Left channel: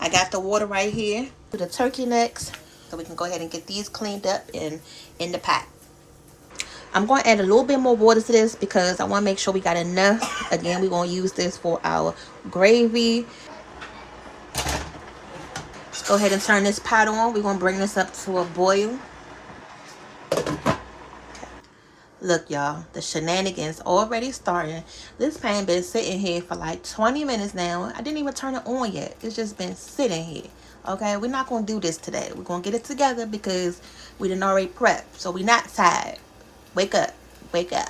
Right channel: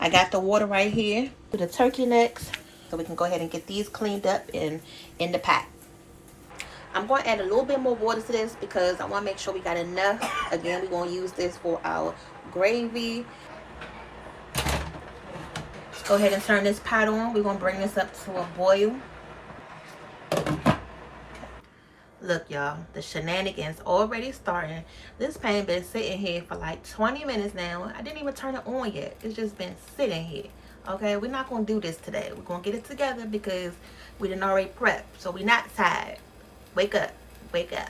I got the water right here for the turkey necks, so we can go ahead and get these cleaned up and in the pot. I'm going to add a little bit more water to this because I want to make sure we got enough. Again, we're going to use this for our gravy. Let's go ahead and turn this pot on. We're going to bring this up to a boil. Look, y'all, the shenanigans already starting. This pan been sitting here for like 20 minutes now. I didn't even turn it on yet. It's just been sitting here. Okay, we're not going to do this today. We're going to get it together because we didn't already prep. So we're not tired. Wake up. Wake up.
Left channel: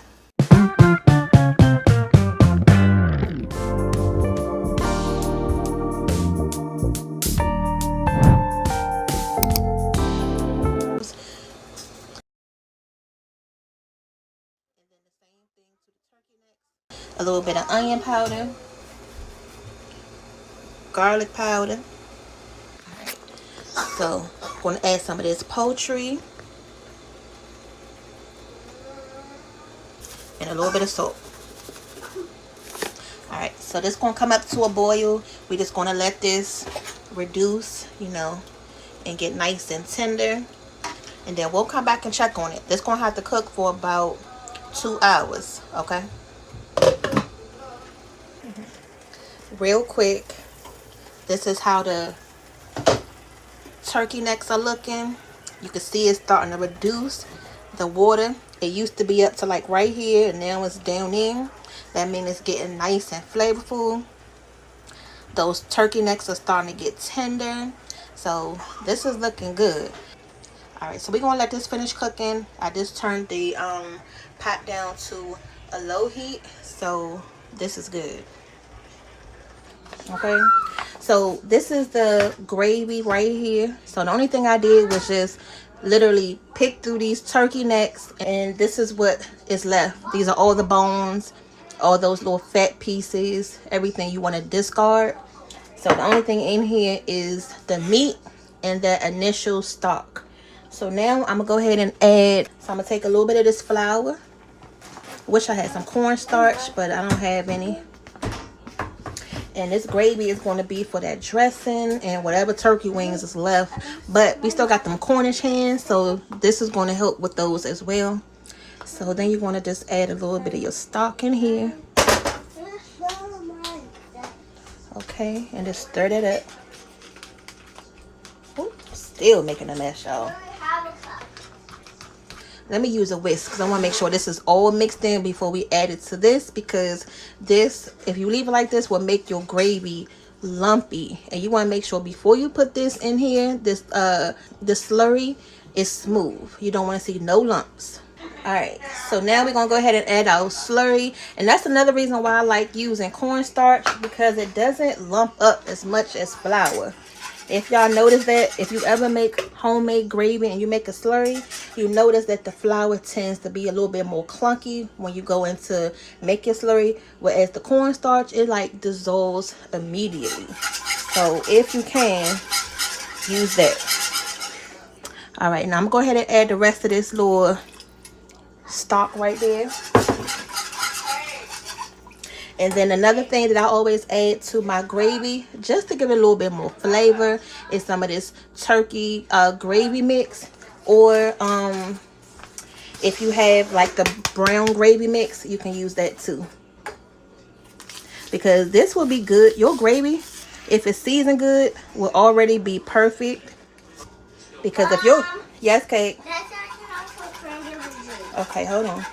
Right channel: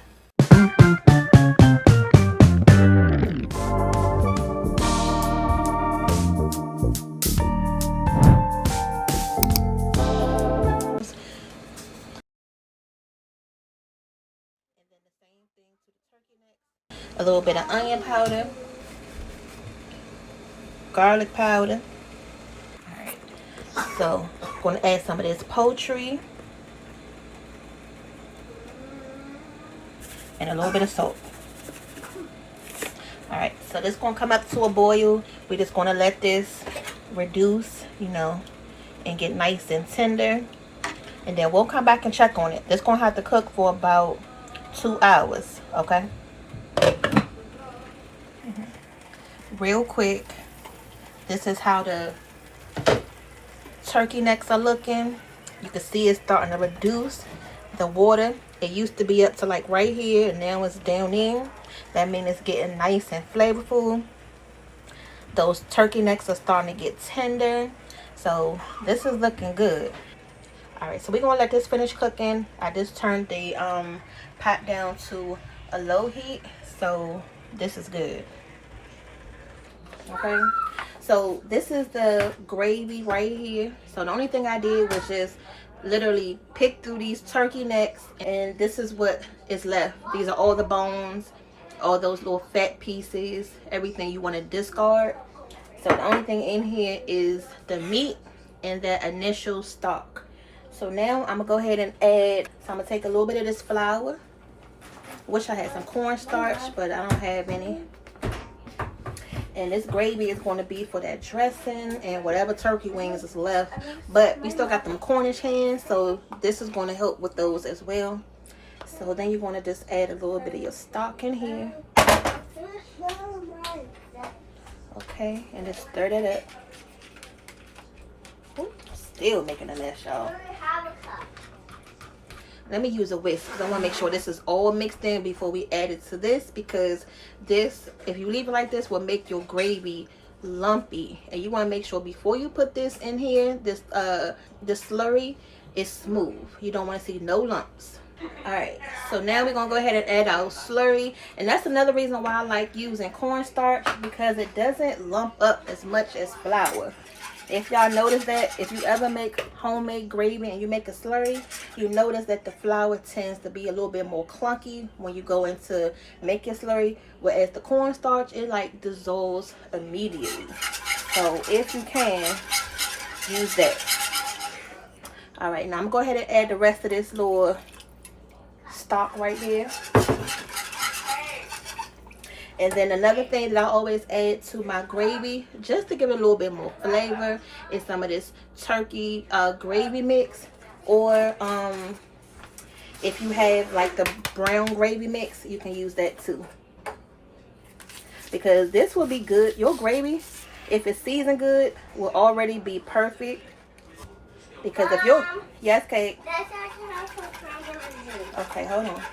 A little bit of onion powder, garlic powder. Alright, so I'm going to add some of this poultry and a little bit of salt. Alright, so this is going to come up to a boil. We're just going to let this reduce, you know, and get nice and tender. And then we'll come back and check on it. This is going to have to cook for about 2 hours, okay? Real quick, this is how the turkey necks are looking. You can see it's starting to reduce the water. It used to be up to like right here, and now it's down in. That means it's getting nice and flavorful. Those turkey necks are starting to get tender, so this is looking good. All right, so we're gonna let this finish cooking. I just turned the pot down to a low heat, so this is good. Okay, so this is the gravy right here. So the only thing I did was just literally pick through these turkey necks, and this is what is left. These are all the bones, all those little fat pieces, everything you want to discard. So the only thing in here is the meat and that initial stock. So now I'm gonna go ahead and add, so I'm gonna take a little bit of this flour. Wish I had some cornstarch, but I don't have any. And this gravy is going to be for that dressing and whatever turkey wings is left. But we still got them Cornish hens, so this is going to help with those as well. So then you want to just add a little bit of your stock in here. Okay, and just stir it up. Ooh, still making a mess, y'all. Let me use a whisk because I want to make sure this is all mixed in before we add it to this, because this, if you leave it like this, will make your gravy lumpy. And you want to make sure before you put this in here, this slurry is smooth. You don't want to see no lumps. Alright, so now we're going to go ahead and add our slurry. And that's another reason why I like using cornstarch, because it doesn't lump up as much as flour. If y'all notice that, if you ever make homemade gravy and you make a slurry, you notice that the flour tends to be a little bit more clunky when you go into make your slurry, whereas the cornstarch, it like dissolves immediately. So if you can, use that. All right, now I'm going to go ahead and add the rest of this little stock right there. And then another thing that I always add to my gravy, just to give it a little bit more flavor, is some of this turkey gravy mix. Or if you have like the brown gravy mix, you can use that too. Because this will be good. Your gravy, if it's seasoned good, will already be perfect. Because if you're... Yes, Kate? Okay, hold on.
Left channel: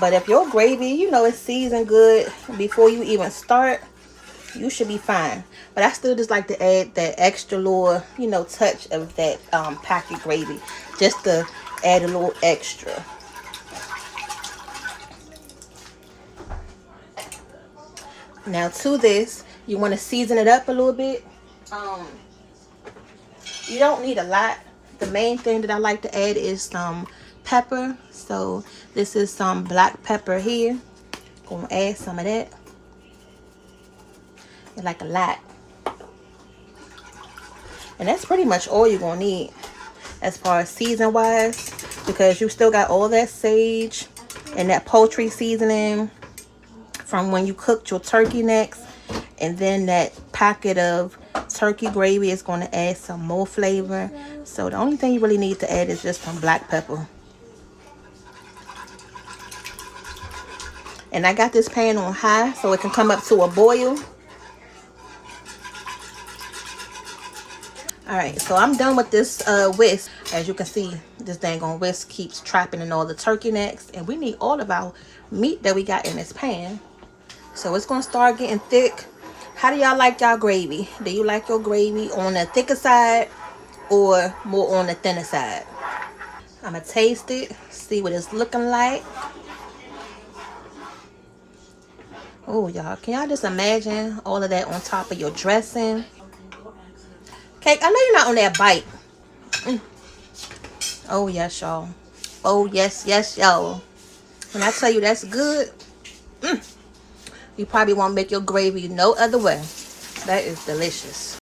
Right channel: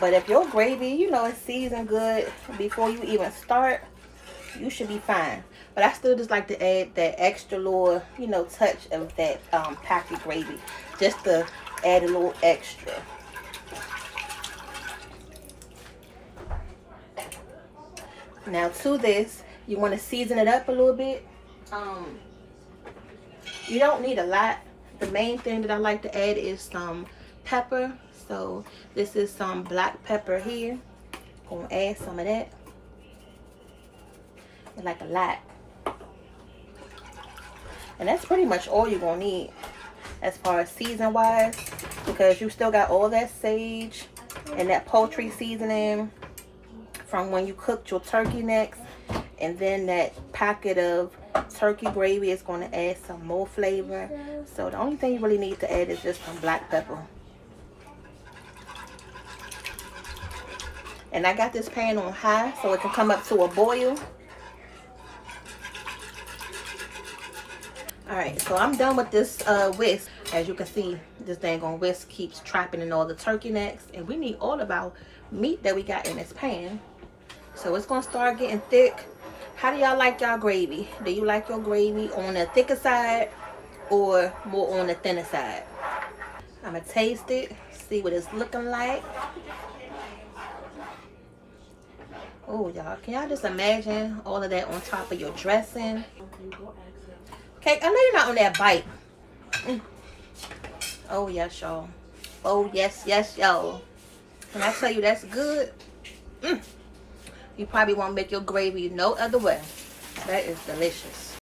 But if your gravy, you know, is seasoned good before you even start, you should be fine. But I still just like to add that extra little, you know, touch of that packet gravy, just to add a little extra. Now to this, you want to season it up a little bit. You don't need a lot. The main thing that I like to add is some pepper. So this is some black pepper here. Gonna add some of that. And like a lot. And that's pretty much all you're gonna need as far as season wise, because you still got all that sage and that poultry seasoning from when you cooked your turkey necks, and then that packet of turkey gravy is going to add some more flavor. So the only thing you really need to add is just some black pepper. And I got this pan on high so it can come up to a boil. Alright, so I'm done with this whisk. As you can see, this dang on whisk keeps trapping in all the turkey necks. And we need all of our meat that we got in this pan. So it's going to start getting thick. How do y'all like y'all gravy? Do you like your gravy on the thicker side or more on the thinner side? I'm going to taste it, see what it's looking like. Oh, y'all, can y'all just imagine all of that on top of your dressing? Cake, I know you're not on that bite. Oh, yes, y'all. Oh, yes, yes, y'all. When I tell you that's good, you probably won't make your gravy no other way. That is delicious.